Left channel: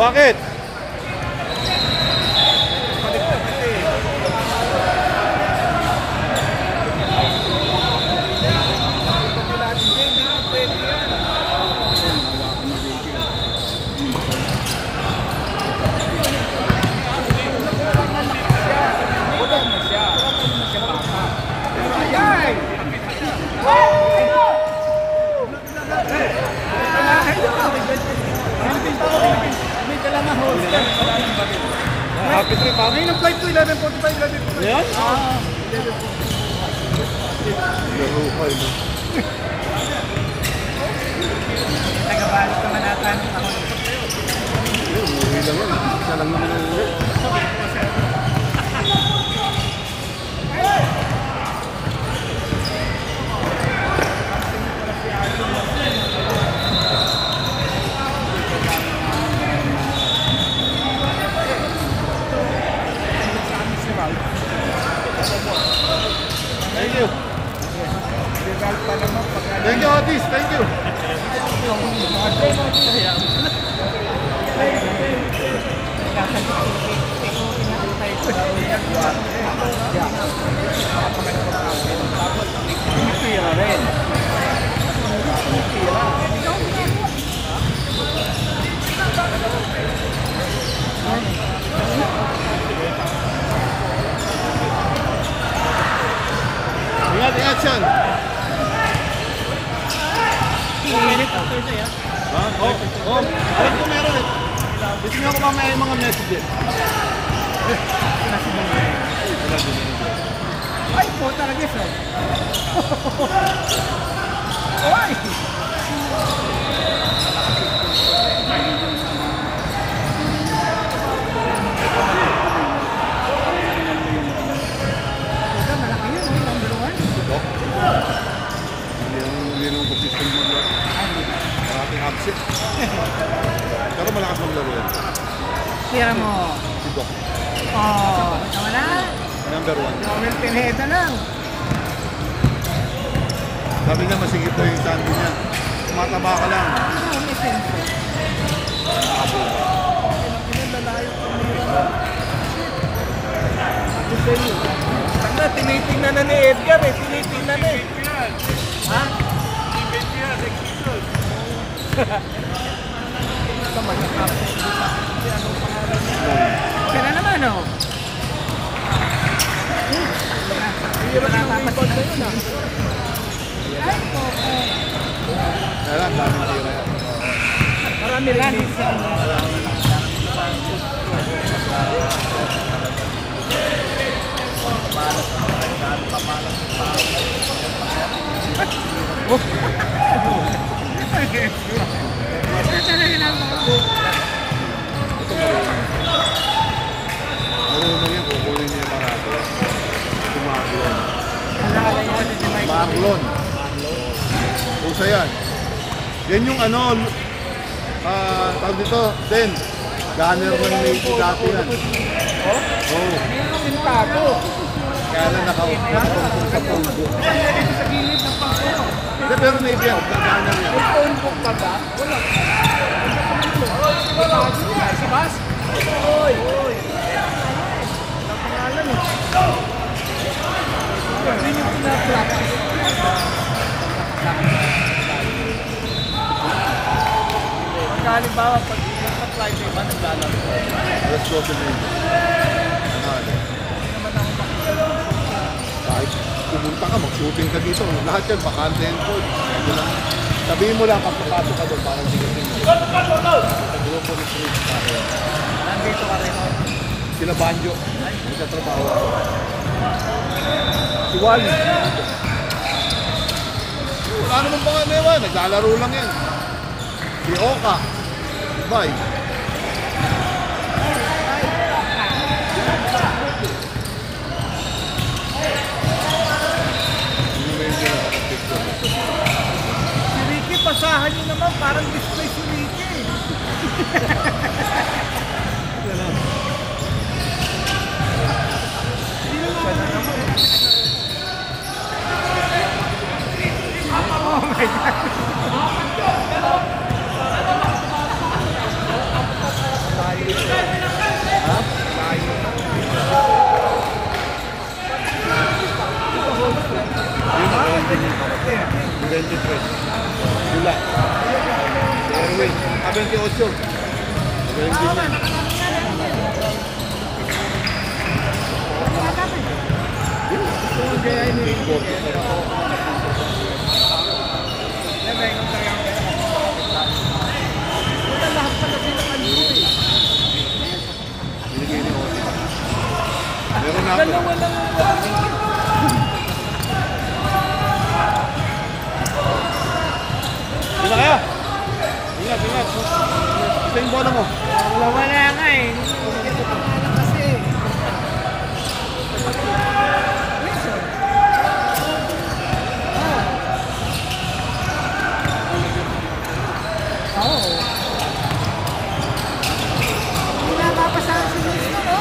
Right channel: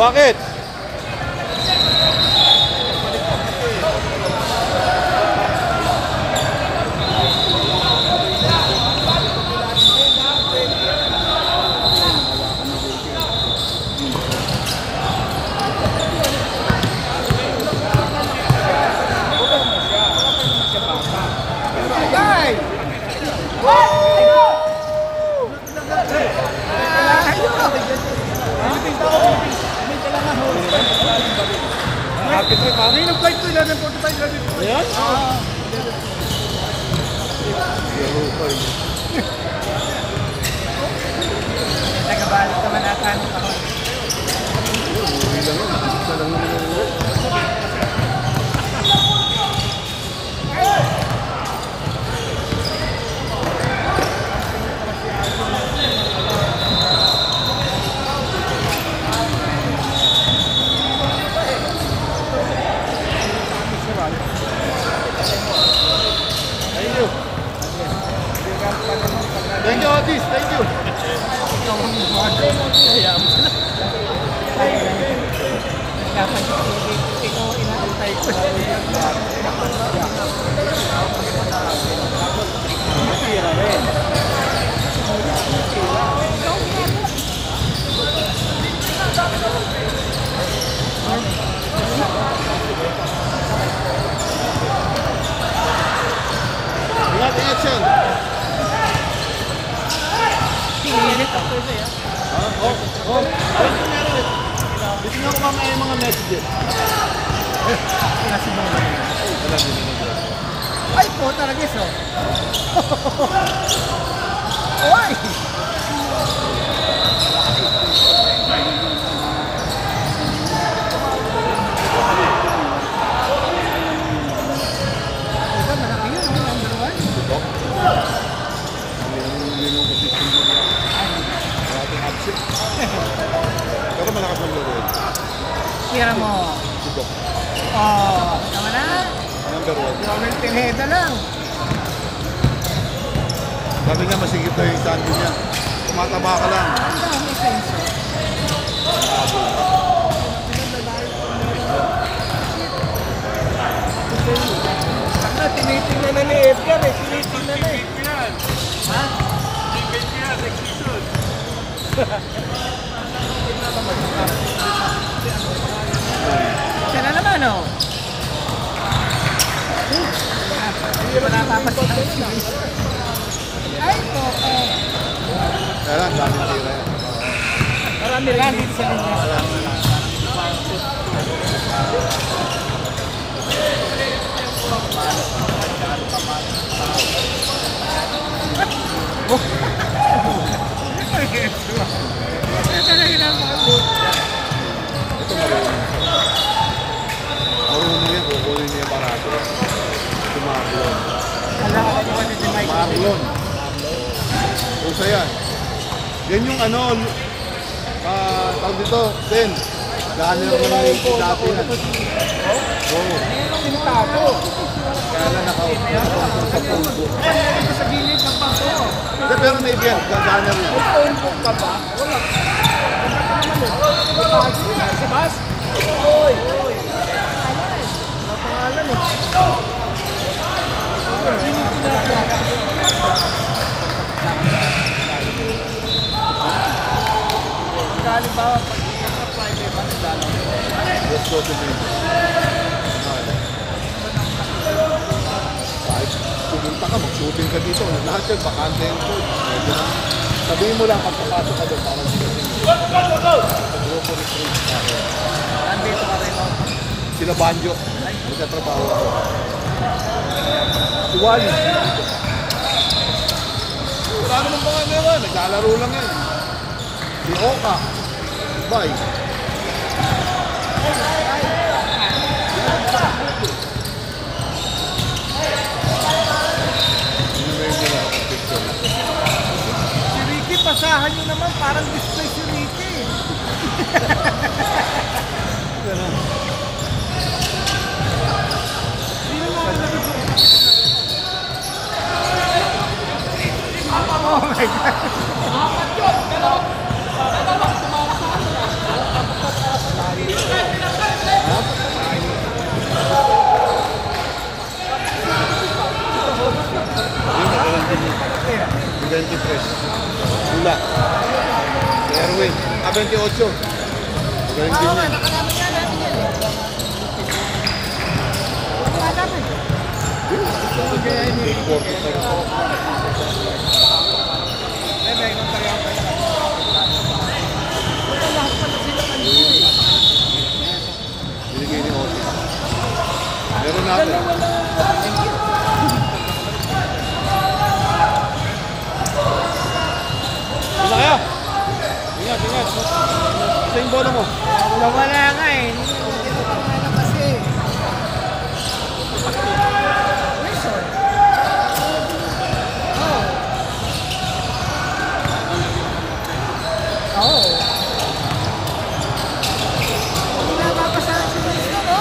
Bakit? May nag-flight ko, 11:45, 11:45. Ayan? Tagabalot naman ata nung ako. Thank you, Otis. Thank you. Action. Pinilit ako siya. Gusto niyo ko mamaya yung mga messages. Ay po talaga sir. Ay! Ito malaki yun, number 1. Yung position mo niya. Parating absent. Pero malakas maglaro yun. Tira mo. Subok. Oh, tama na. Number 1. Joel Pineda lang. Sabi niya masigit daw yung tando niya. Tumataba ka lang. May sense. Tinitingnan na ni Edgar eh. Tinitingnan na eh. Ha? Siya na naman oh. Hindi ba napapasin na rin eh. Kaya lang, dami na sila. Marami rin din siya. Ito marunong yung kukunin niya yung barato. Si Marlon. Alam ko ba si Mike? Marlon. Usa yan. Yan yung ano, tawag dito, Den. Gunner ng Navy dati yan. Oo. Kaya lang nakaupo sa pulbo. Hindi, pero Navy yan. Gunner yan. May phone book ka ba? Wala. Si Bas? Oy! Oy! Galing ba? Let's go to me. Kahit pumunta ka, mag-shooting ka dito. Lahat yan, bakante yung court. Sabihin mo lang, kapatapos ka doon, parang sigasin mo. Sa grupo ni Chris ka. Nandito ka rin, no? Sila Banjo. Nagkatrabaho ako. Si Wally. Wala naman ba nga ngayon? Naglalaro lang yan. Si Oka. Bye. Si Ricky, pasahan nyo naman. Parang display si Ricky. Oh my God. Pula. Erwin, 28. Erwin din yan. Gusto mo gayahin ni Ricky. May kontari ang pala kasi wala lahat pa na pinakan mo eh. Meron natin. Sila kaya? Ingat, ingat. Ito yung bola mo. Wala nga eh. Ito ka nga lang kasi. Oo. Hindi na mapasahan si Luis mo, no?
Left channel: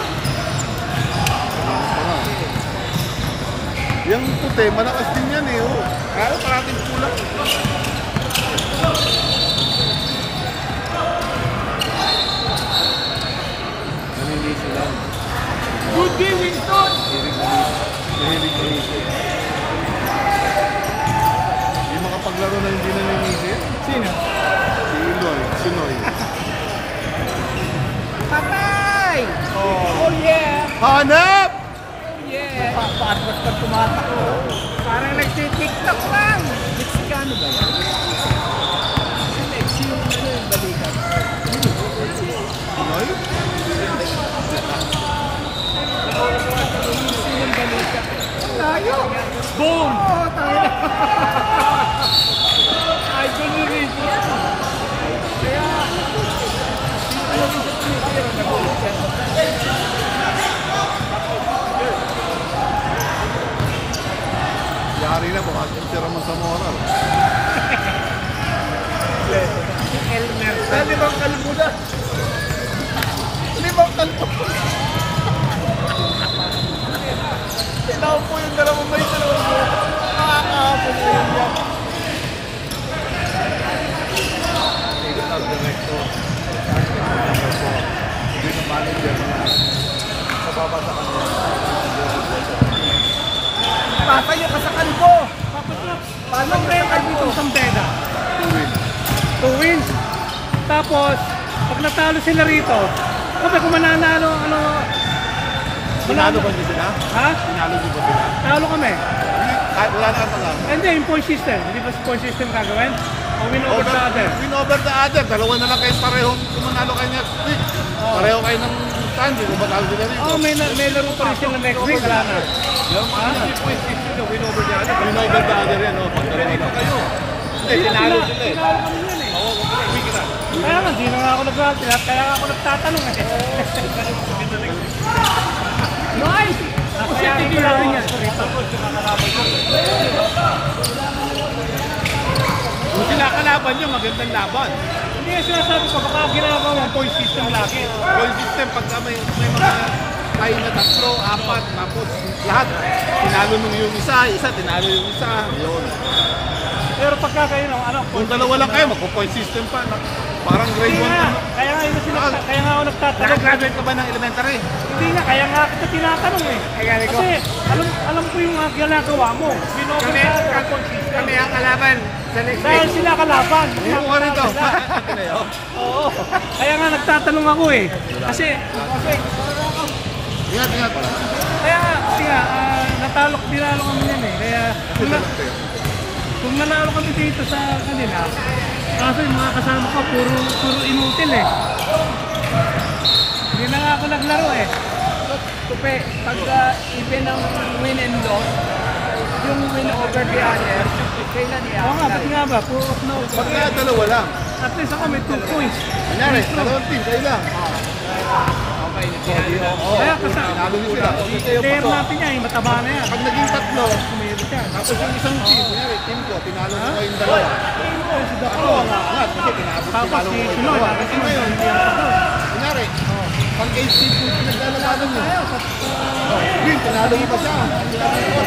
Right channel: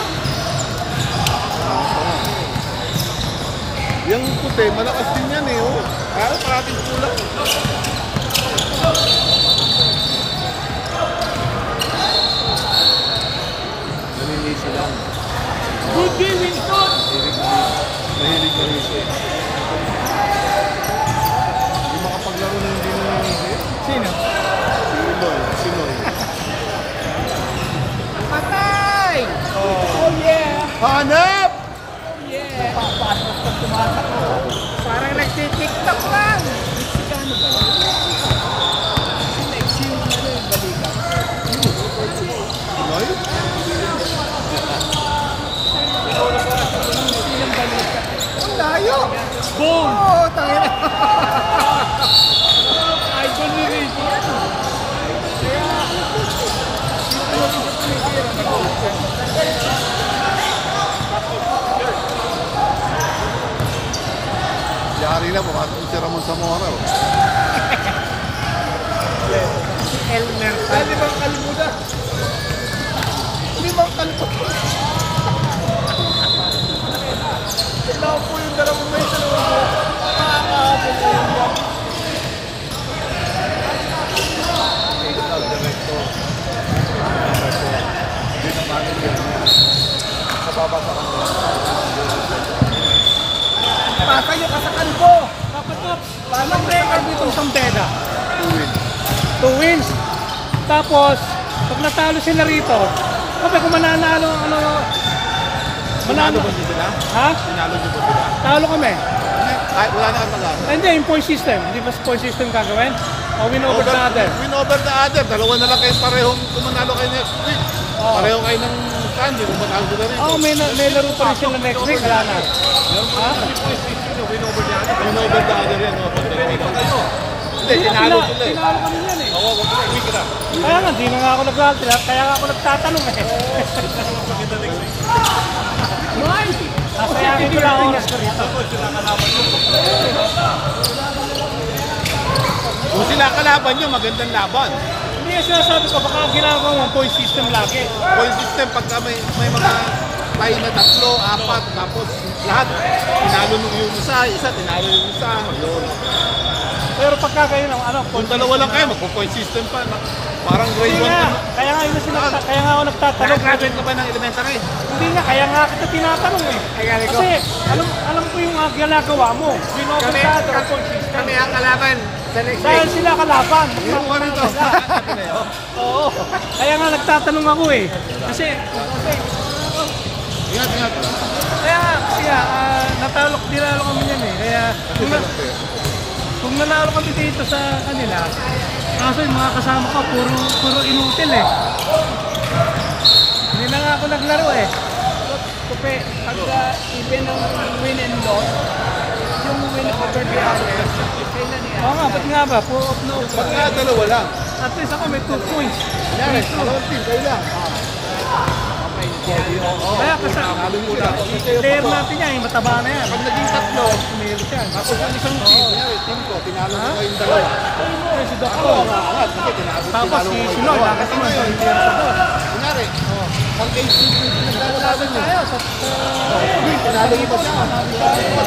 Yung puti, malakas din yan eh. Oh. Kaya parating kulang. Nanilisi lang. Good day, Winston! Nanilisi. Hindi makapaglaro na hindi nanilisi. Sino? Sinoy. Patay! Oh yeah! Hanap! Yeah! Basta tumatao. Parang nagtitiktok lang! Mexicano ba yan? Yung ano yung balikat? Sinoy? Yung balikat. Tayo! Boom! Oo, tayo! Idol ni Ricky yan. Kaya, dito mo rin siya tumitira. Nag-uusap. Yari na, baka tira mo sa Mora. Elmer. Sabi bang kalimuda? Hindi bang kanto? Kailangan po yung dalawang metro. Nakakahapon mo. Club director. Number 4. Yun ang manager niya. Kababa sa kanya. Tatayo ka sa kanto. Paano mo sa kanto? Pantera. 2 wins. 2 wins. Tapos, pag natalo sila rito, kasi kung mananalo, Tinalo ba niyo sila? ha? Tinalo niyo ba sila? Talo kami. Kahit wala na kang pag-asa. Hindi, yung point system. Hindi ba point system gagawin? O win over the other? Win over the other. Dalawa na lang kayo parehong kumanalo kayo next week. Pareho kayo ng stand. Kung manalo sila rito. Oo, may laro pa rin sila next week. Wala na. Ha? Win over the other. Win over the other yan. Pag dalawa lang. Hindi, tinalo sila eh. Tinalo kami yan eh. Kaya nga, di na nga ako nag-altrap. Kaya nga ako nagtatanong eh. Nice! Kaya nga ginawin niya. Kung sila kalaban nyo, magandang laban. Hindi yung sinasabi ko, baka ginagawa yung point system lagi. Point system, pagka may mga tayo na 3, 4, tapos lahat. Tinalo nung yung isa, tinalo yung isa. Yun. Pero pagka kayo ng ano, Kung dalawa lang kayo, magpo-point system pa. Parang grade 1 ka na. Kaya nga yung kaya nga ako nagtatanong. Nakagraduate ka ba ng elementary? Hindi nga, kaya nga kita tinatanong eh. Kasi alam ko yung ginagawa mo. Kami ang kalaban sa next Dahil sila kalaban. Meron ka rito. Oo. Kaya nga nagtatanong ako eh. Kasi Ingat pala. kaya dinalo kami yan eh. Kaya kung nanalo kami dito sa kanila, kaso yung mga kasama ko, puro inutil eh. Hindi na nga ako naglaro eh. Kupe, pagka even ang win and loss, yung win over the other, kailan niya? Oo nga, ba't nga ba? Pagka dalawa lang. At least ako may 2 points. Kunyari, dalawang team, kayo lang. Kaya player natin yan, mataba na yan. Pag naging 3, Kumilos yan. tapos yung isang team, kunyari, team ko, tinalo ko kayong dalawa. Ako ang aangat, kasi tinalo ko kayong dalawa. Kasi ngayon, kunyari, pag 8 team yung pinaglalabanan nyo. Win, tinalo mo ba siya?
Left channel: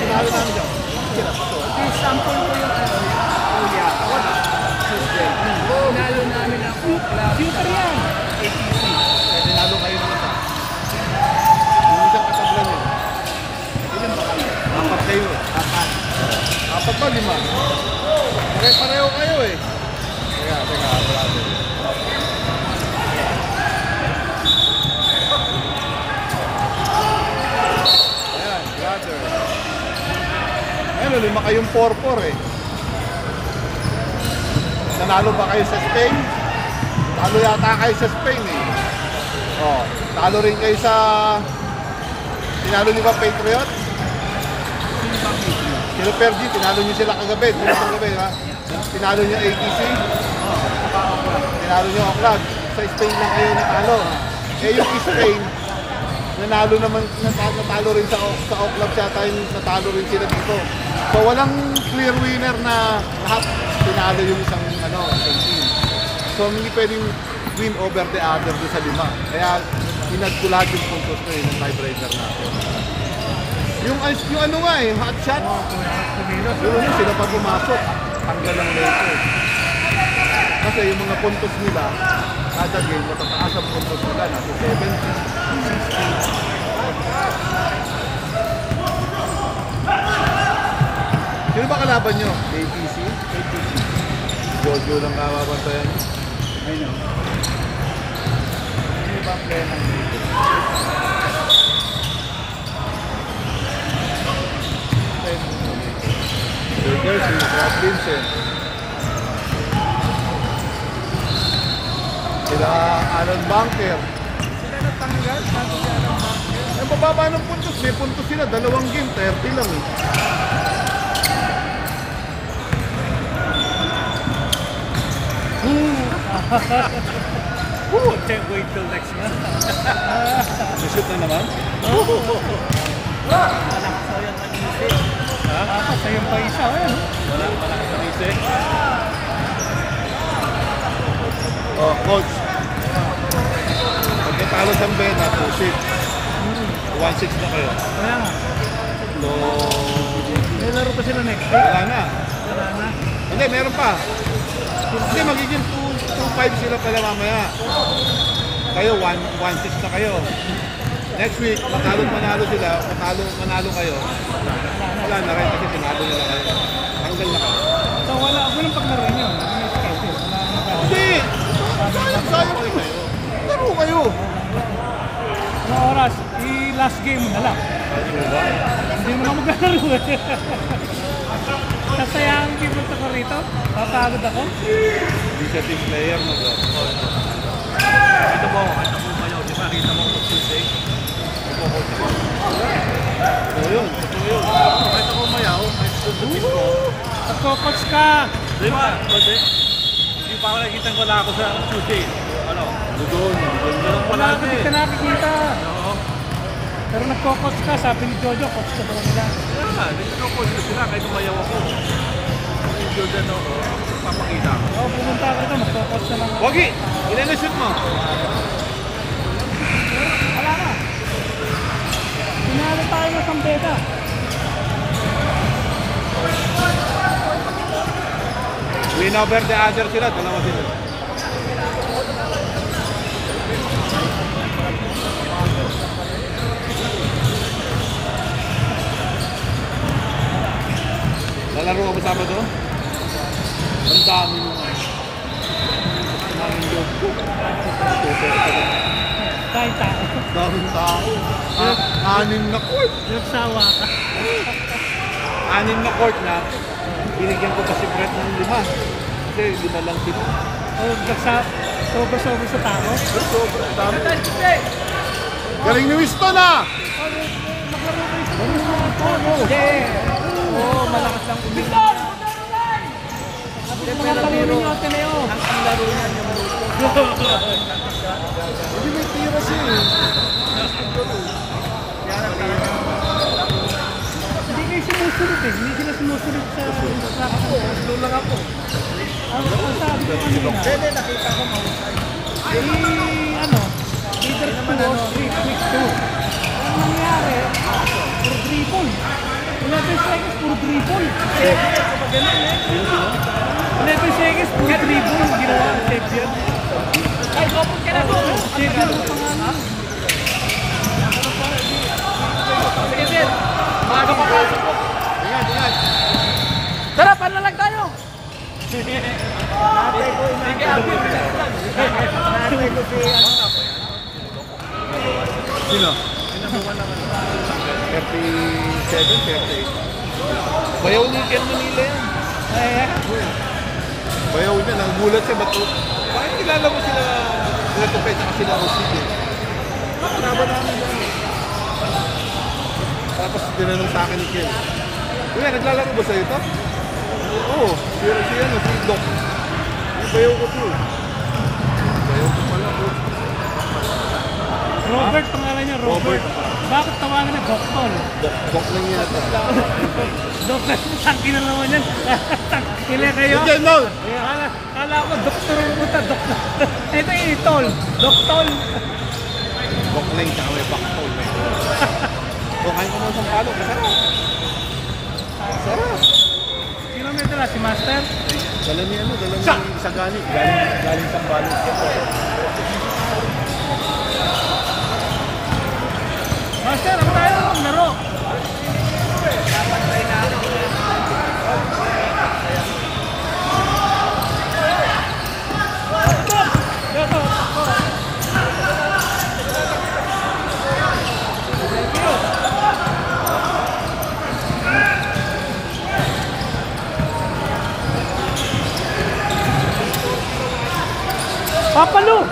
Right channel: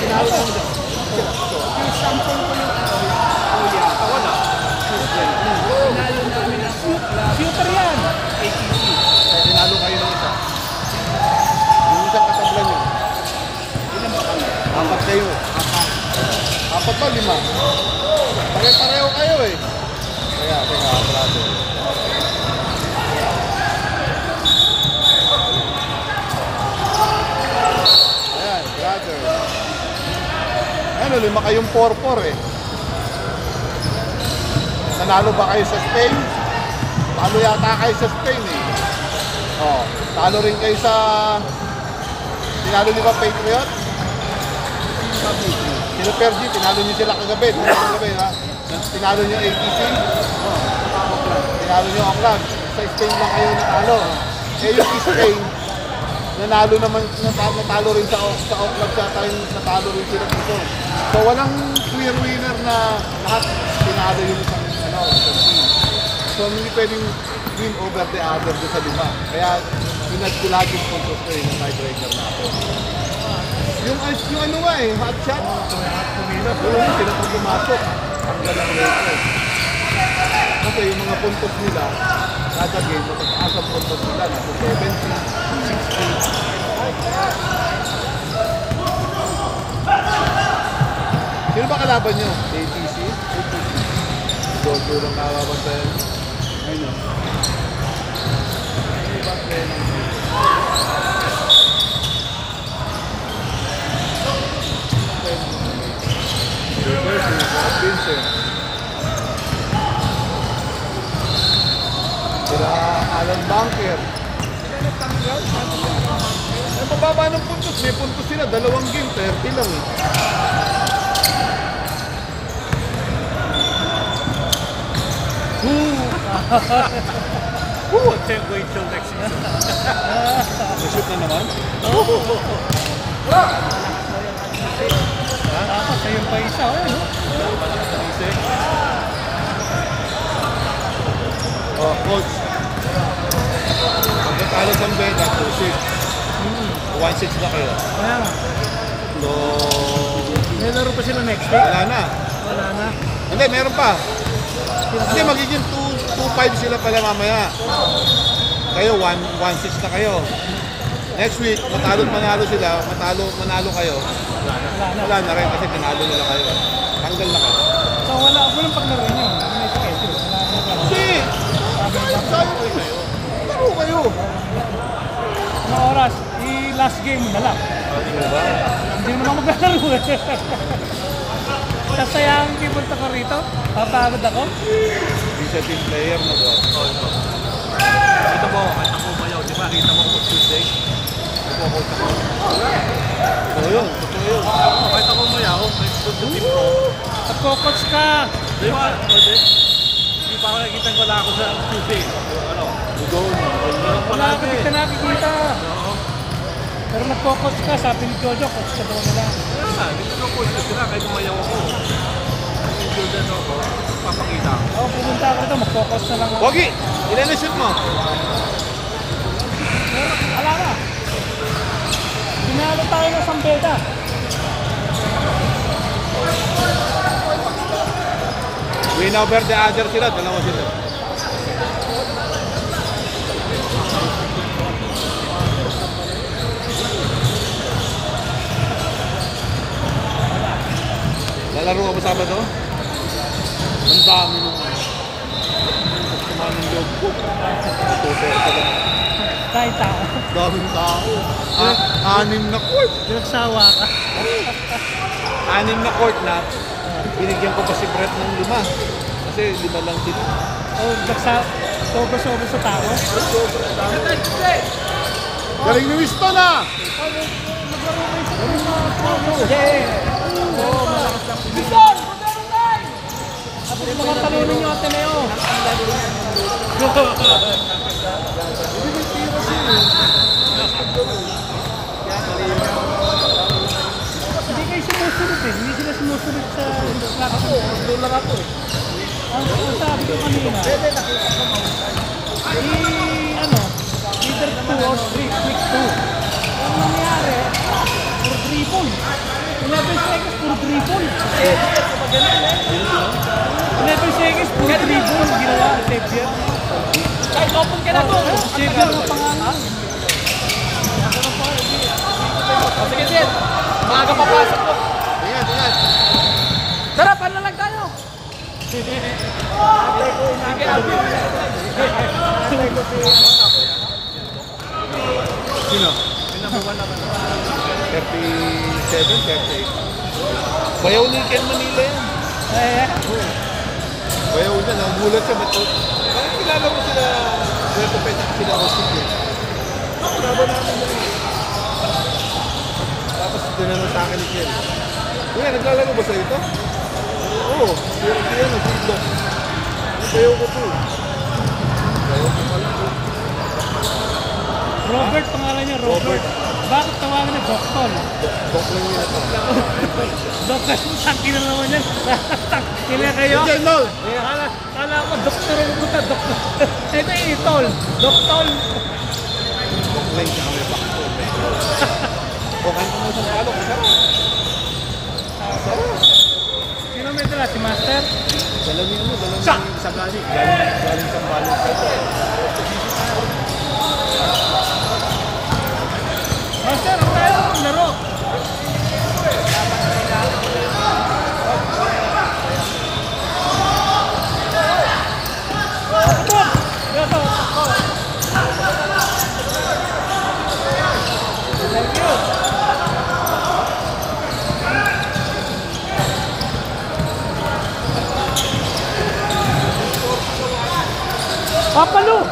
Tinalo namin siya. Sila, pato. Shooter yan. Tinalo kayo ng isa. Yung isang katablan nyo. Ilan ba kayo? 4 kayo. 4. 4 ba? 5. Pare-pareho kayo eh. kayong 4-4 eh. Nanalo ba kayo sa Spain? Talo yata kayo sa Spain eh. Oh, talo rin kayo sa... Tinalo niyo ba Patriot? Sino Pergi? Tinalo niyo sila kagabi. Ha? Tinalo niyo ATC? Tinalo niyo Oakland. Sa Spain lang kayo natalo. Eh yung Spain, nanalo naman, natalo rin sa Oakland sa time, natalo rin sila dito. So walang clear winner na lahat tinalo yung isang team. So hindi pwedeng win over the other sa lima. Kaya pinagkulag yung puntos ko yung tiebreaker natin. Yung ano nga eh, hot shot. Kumilos. Yung sila pa pumasok. Hanggang ang rate. Kasi yung mga puntos nila, kada game, matataas ang puntos nila. Nasa 70, 60. Sino ba kalaban nyo? ATC? Jojo lang kalaban tayo. Ayun. Vincent. Sila Alan Bunker. Eh, mababa ng puntos. May puntos sila. 2 game. 30 lang eh. Wait till next month. Nashoot na naman? Ako, sa'yo pa isa. O, yan, o. Oh, coach. Pagkatalo sa Mbeda, 2-6. 1-6 na kayo. So, may laro pa sila next week? wala na. Hindi, meron pa. Hindi, magiging 2-5 sila pala mamaya. Kayo, 1-6 na kayo. Next week, manalo sila, manalo kayo. Wala na rin kasi tinalo nila kayo. Tanggal na kayo. So wala paglaro nyo, may schedule. Wala na magkakaroon. Hindi! Laro kayo! Ano oras? I-last game mo na lang. Diba? Hindi mo na maglalaro. Kasayang hindi punta ka rito. Papagod ako. Hindi siya team player na ba? Oo, ito. Ito mo, kahit ako mayaw, di ba? Kita mo kung Tuesday. Oo yun. Kahit ako mayaw, kahit Tuesday ko. At coach ka. Di ba? Pwede. Hindi pa ako nakikita wala ako sa Tuesday. Ano? Doon. Wala ka dito nakikita. Pero nagko-coach ka, sabi ni Jojo, coach ka daw nila. Hindi ko coach ko sila kahit umayaw ako. Kung injured na ako, papakita ako. Ako pumunta ako dito, magko-coach na lang. Pogi! Ilan na shoot mo? Wala na. Pinalo tayo ng Sambeda. Win over the other sila, dalawa sila. Lalaro ka ba Sabado? Ang dami nung kumaming loob ko. Kahit tao. Daming tao. 6 na court. Sawa ka. 6 na court na. Binigyan ko pa si Brett ng 5. Kasi 5 lang sila. O, sobra-sobra sa tao. Galing ni Winston ah! Naglaro kayo sa mga tao. Oo, malakas lang. Bison! Tapos mga talunin nyo, Ateneo. Hindi kayo sumusunod eh. Hindi sila sumusunod sa instruction. Doon lang ako. Ang sabi ko kanina, either 2 or 3-2. Ang nangyari, puro dribble. 11 seconds, puro dribble. 11 seconds, puro dribble. Ginawa, save yan. Ay, lopon ka na doon. Save yan. Sige, sir. Mga kapapasok ko. Tara, panalag tayo. Sino? Number 1 naman. 37, 38. Bayaw ni Ken Manila yan. Ay, Bayaw niya, nagulat siya. Ba't parang kilala mo sila, Puerto Pecha sila o sige. Nakaba namin ba yun? Tapos dinanong sa akin ni Ken. Kuya, naglalaro ba sa'yo ito? Oo, siya ano, Doc. Bayaw ko ito. Robert, pangalan niya, Robert. Bakit tawagan niya Doktor? Doc lang yun ito. Doktor, sangkin na naman yan. Kila kayo? Hindi, no! Kala ko, Doktor ang puta, Doktor. Ito yung Itol. Doktor. Doc lang sa kami bakto. Bukan ko mo sa palo, masarap. Sarap. Sino may tala? Si Master? Dala niya ano, dala niya sa gamit. Galing Sambales. Master, ang tayo na maglaro. Papalo!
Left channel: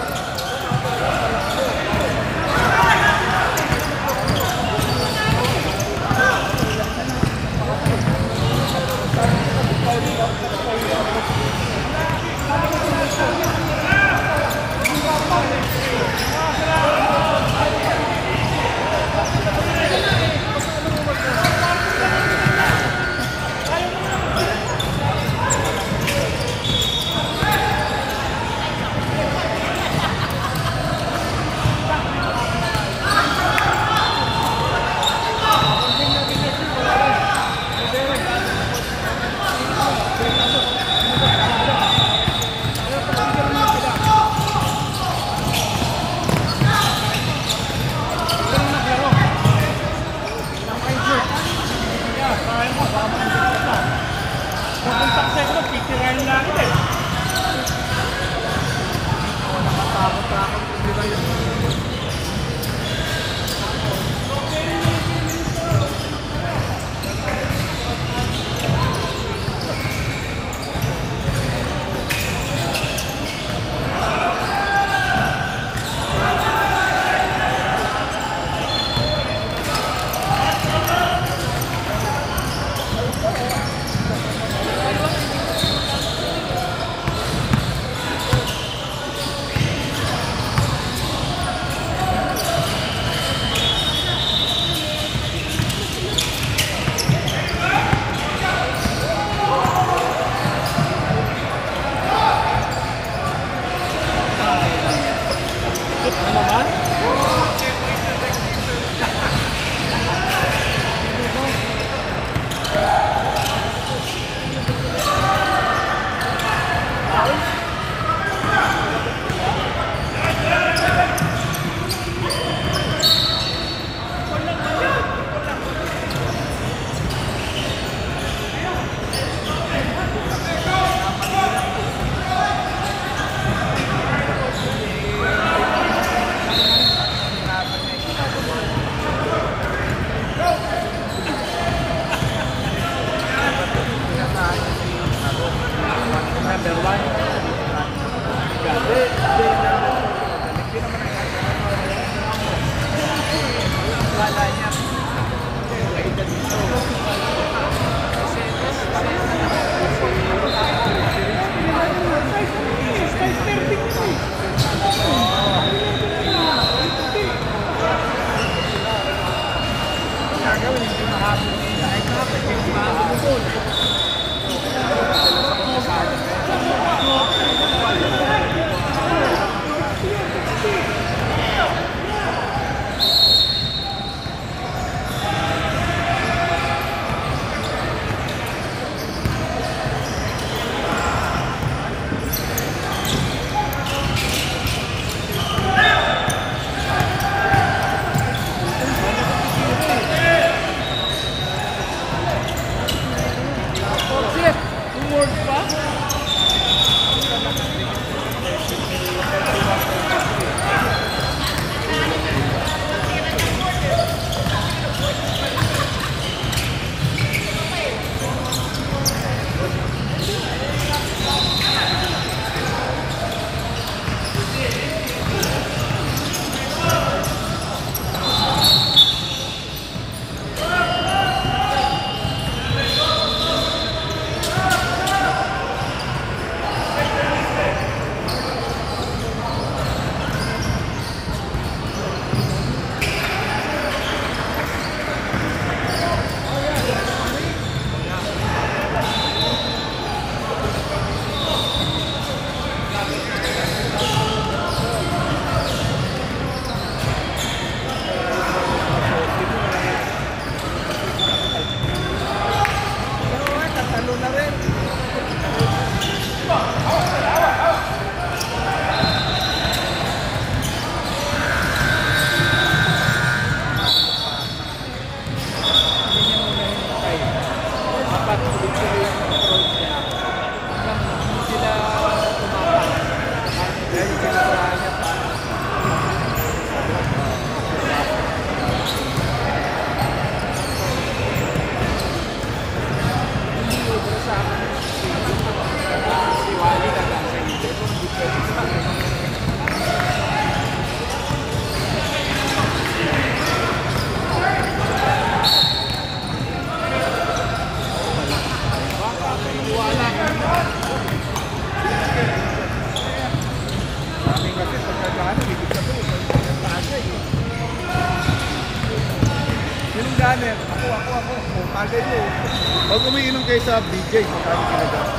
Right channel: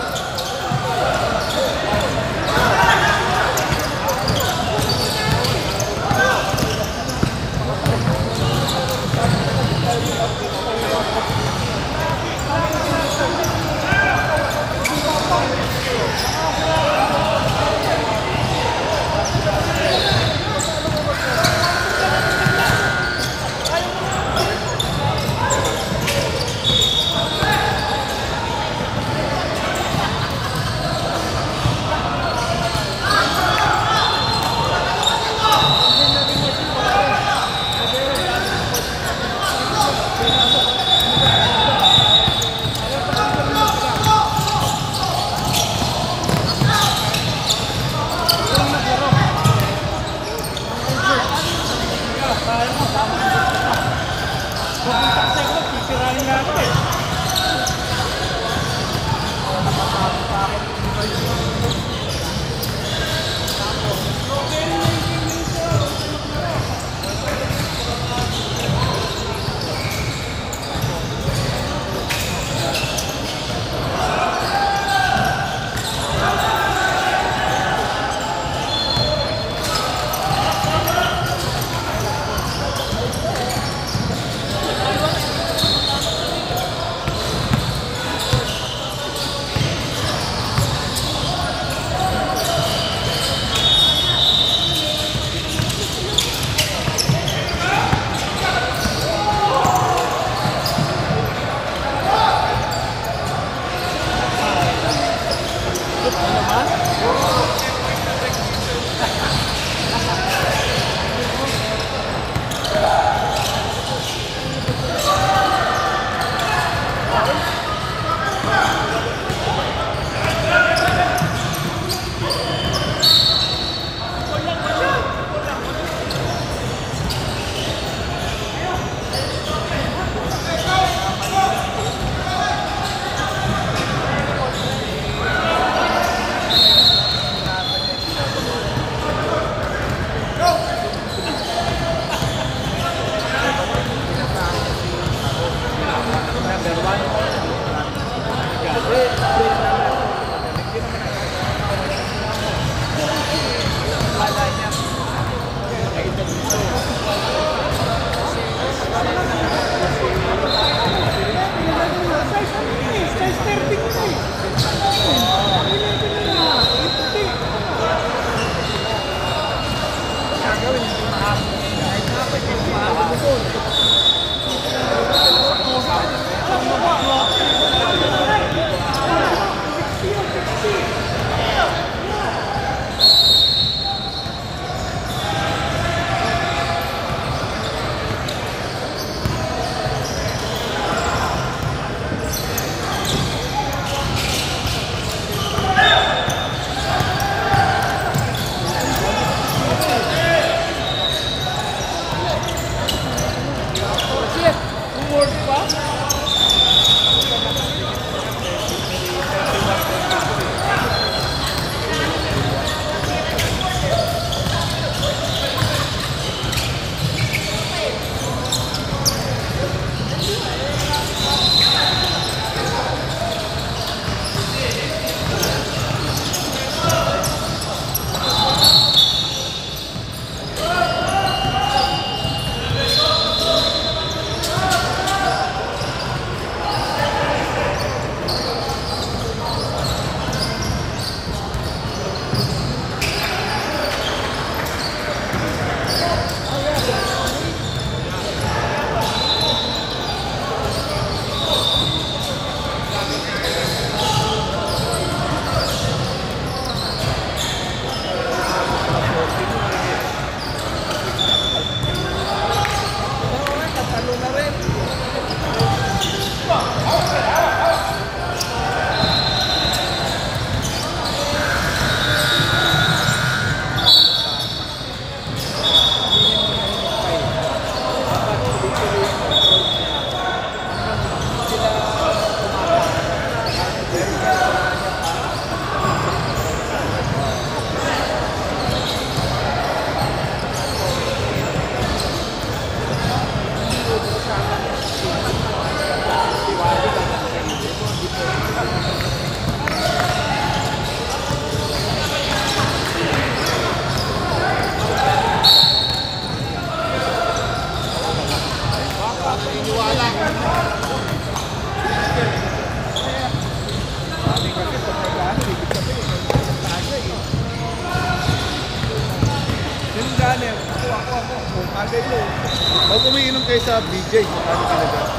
Pag umiinom kayo sa BJ, magkano kinagat?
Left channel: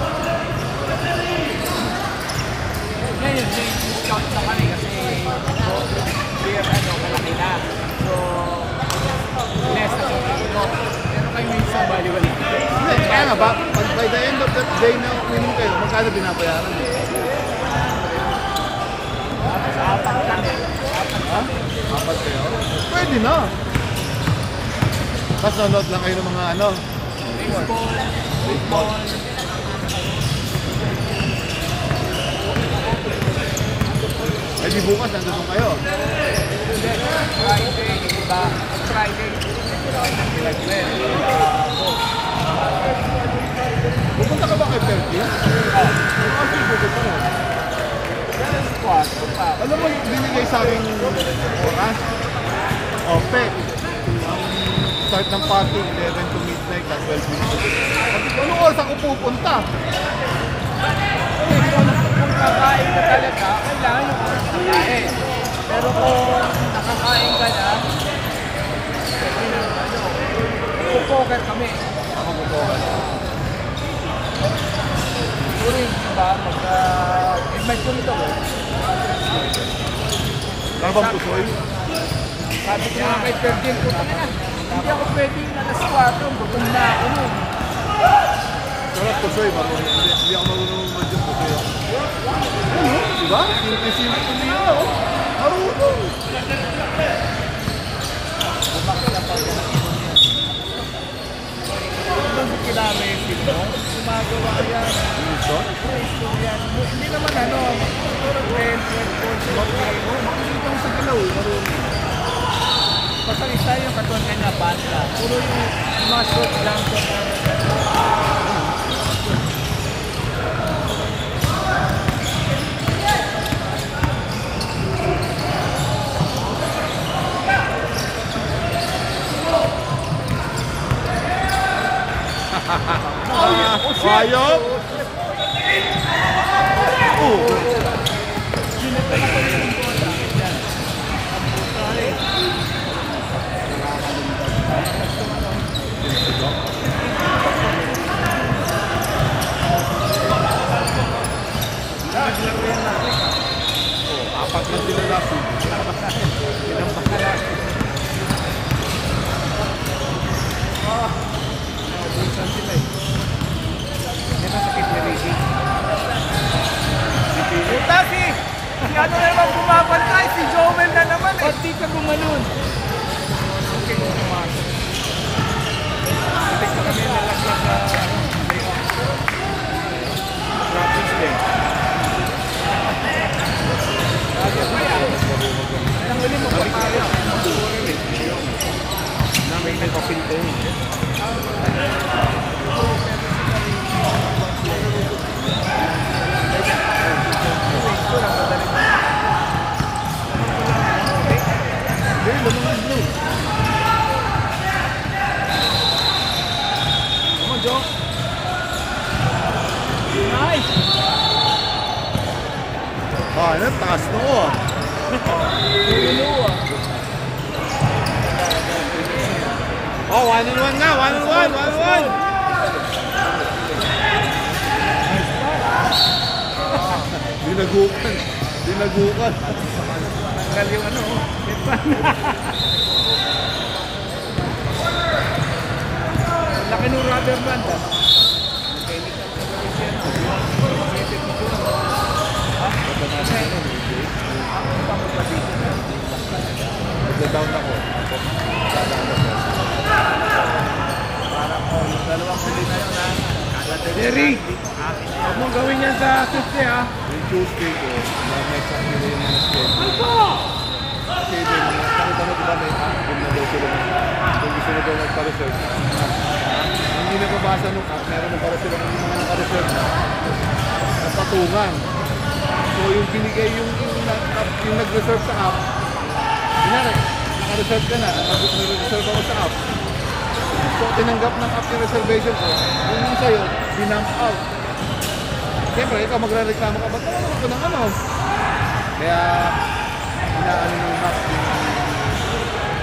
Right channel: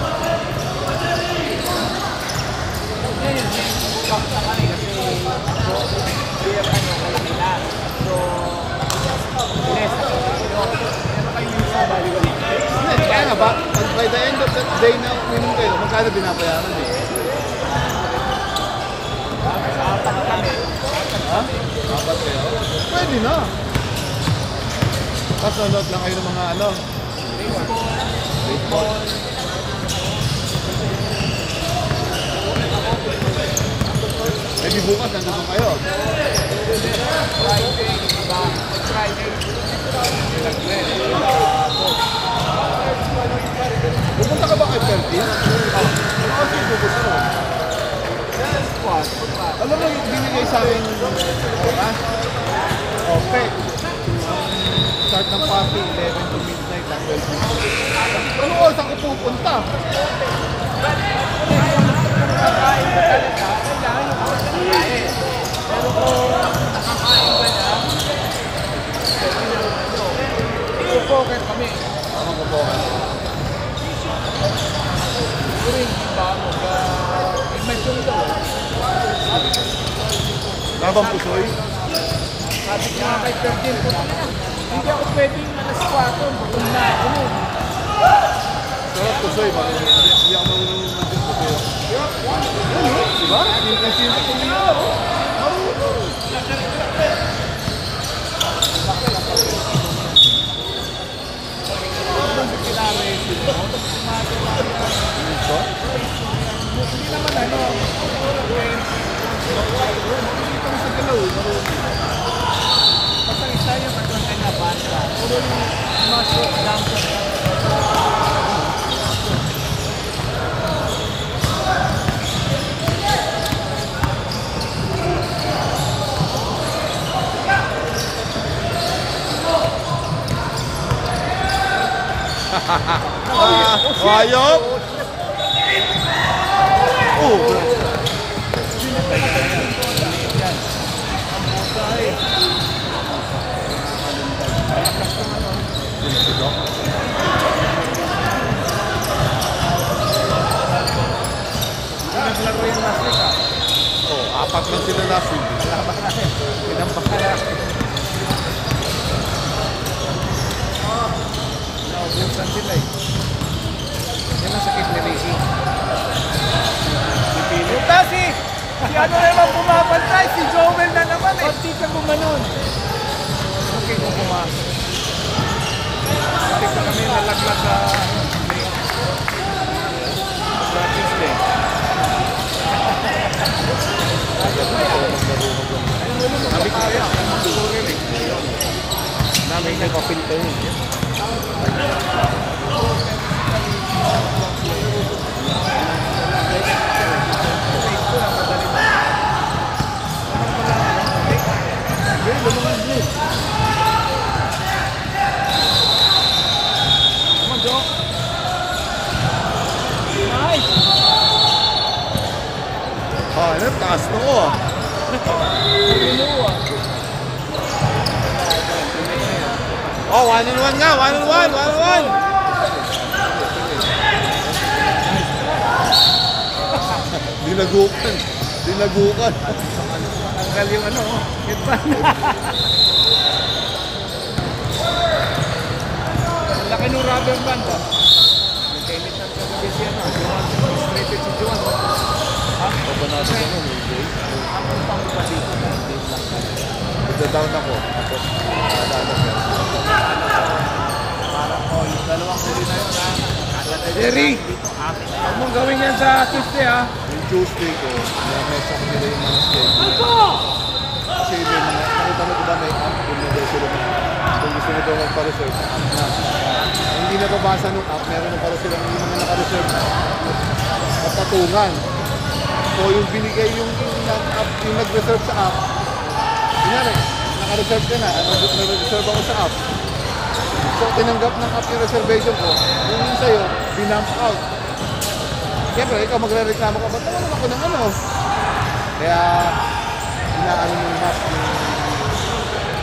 Ngayon, shop na kami kasi beer kalaki na. So, less na pero kayo yung sa baliwali. Kaya nga ba, pag by the end of that day na uminom kayo, magkano binabayaran eh? Apat kami. Apat kayo? Pwede na. Tapos nanood lang kayo ng mga ano. Baseball. Eh di bukas, nandun kayo. Pupunta ka ba kay Perkin? Oo. Ano kasi pupunta mo? Alam mo, binigay sa akin oras. OPEC. Start ng party, 11 to midnight at 12 minutes. Ano oras ako pupunta? Pero kung nakakain ka na, ipo-poker kami. Ako pupunta. Siguro ba, may punto ko. Labang pusoy? Sabi ko nga kay Ferdin, hindi ako pwedeng alas 4, bukong na ako nun. Sarap pusoy, hindi ako marunong mag-yung pusoy. Diba? Kasi Hindi naman ano, makikita mo sa galaw, marunong. basta isa yung katumpin na banda. Puro yung mga short lang ko. Ayaw! Oh! Apat na sila nasi. Si ano naman bumabantay, si Joel na naman eh. Pati ka bumanon. Kami nalaglag sa Practice day. May nag-apilito yun. Come on, Joe. Nice! Ah, ano? Taas na ko ah. Oh, 1-on-1 na! 1-on-1! 1-on-1! Dinagukan. Dinagukan. Tanggal yung ano, headband. Laki ng rubber band ah. Nagda-down ako. Parang yung dalawang huli na yun ha. Kada Jerry! dito, akin na yan. Anong gawin yan sa Tuesday ah? Yung Tuesday ko, na-mess up nila yung mga schedule. Kasi yung mga, nakita mo diba may app, kung na daw sila kung gusto na daw magpa-reserve. Hindi nababasa nung app, meron na para sila yung mga naka-reserve na patungan. So yung binigay yung nag-reserve sa app, kunyari, naka-reserve ka na, nag-reserve ako sa app. So tinanggap ng app yung reservation ko, yung sa'yo, binamp out. Siyempre, ikaw magre-reklamo ka, ba't naman ako ng ano? Kaya, inaano mo yung map,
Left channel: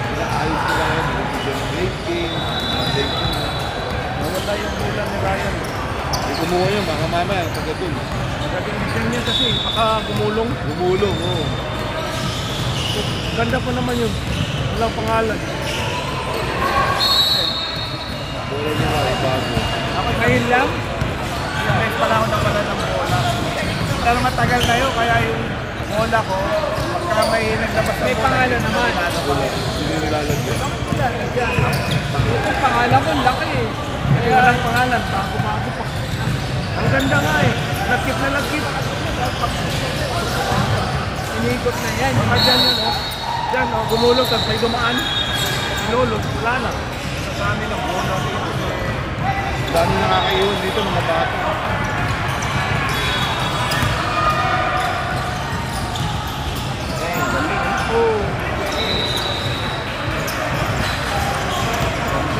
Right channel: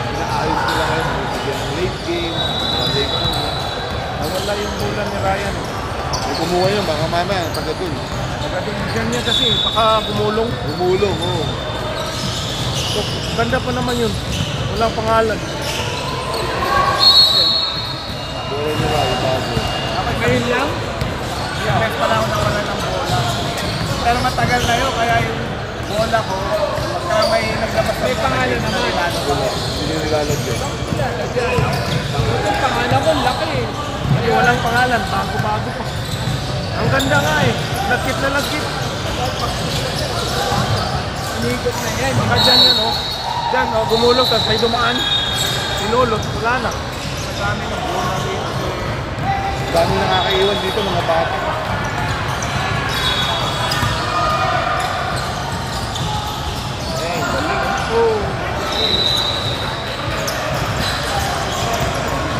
inaayos nila ngayon, bigyan ng late game, late game. kumuha yun, baka mamaya, pagdating. Ganyan kasi, baka gumulong. Gumulong, oo. So, ganda po naman yun. Walang pangalan. Bola nila, bago. Ngayon lang? Ilang pala ako nawala ng bola. Pero matagal na yun, kaya yung bola ko, pagka may naglabas na May bola, pangalan hindi na naman. nilalabas. Hindi nilalagyan. Yung pangalan ko, laki eh. Walang pangalan, bago pa. Ang ganda nga eh. Nagkit na nagkit. Inikot na yan. Mga dyan yun oh. Dyan oh, gumulong tapos may dumaan. Sinulog, wala na. Sa dami ng bola dito. Dami nakakaiwan dito, mga bata. Eh, galing. Oo.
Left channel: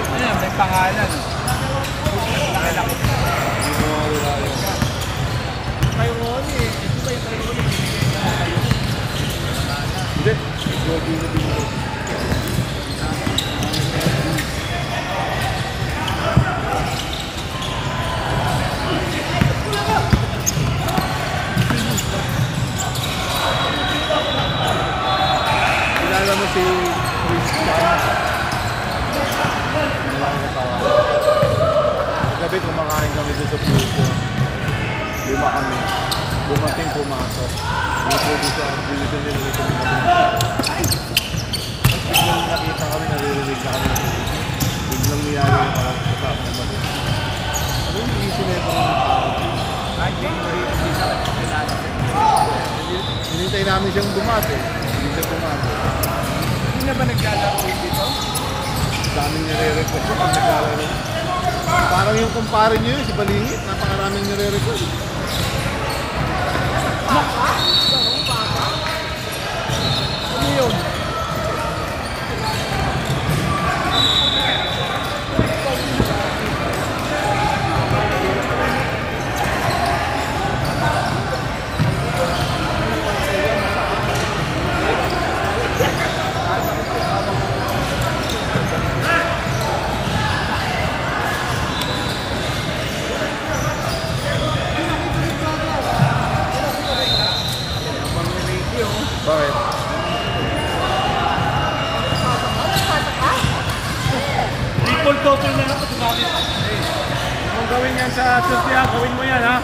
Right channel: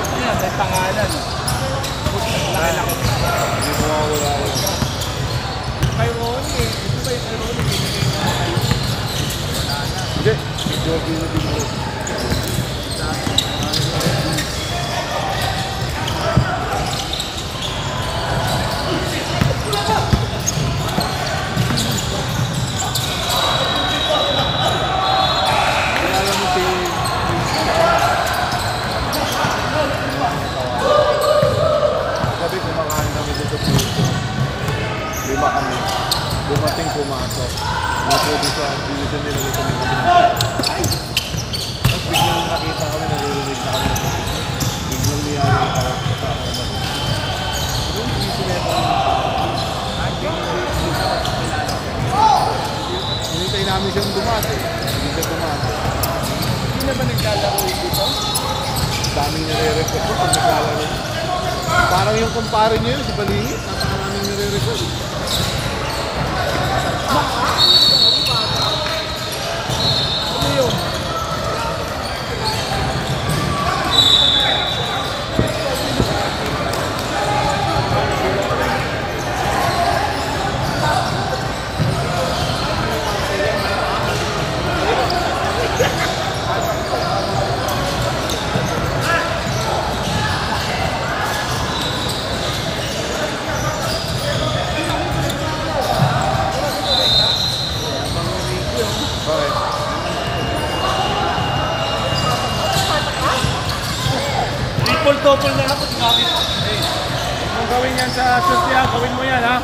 Ano yan, may pangalan. Laki-laki. Hindi mo mawala. Kay Ronnie eh. Ito ba yung kay Ronnie? Binigay niya na tayo. Wala na. Hindi. Jordi na din mo. Kilala mo si gabi kumakain kami dito sa Puto. 5 kami. Dumating pumasok. Naputo siya. Dito niluto ng kami. Tapos biglang nakita kami, naririnig na kami. Biglang niyaya yung parang sa kami. Ano yung iso na yung hinintay namin siyang dumate. Hindi siya dumate. Hindi na ba naglalaro dito? Daming nire-request ko pag naglalaro. Parang yung kumpare niyo yun, si Balingit. Napakaraming nire-request. Ano yun? Bakit? Triple couple na lang. Gamit. Kung gawin yan sa Susya, gawin mo yan ha.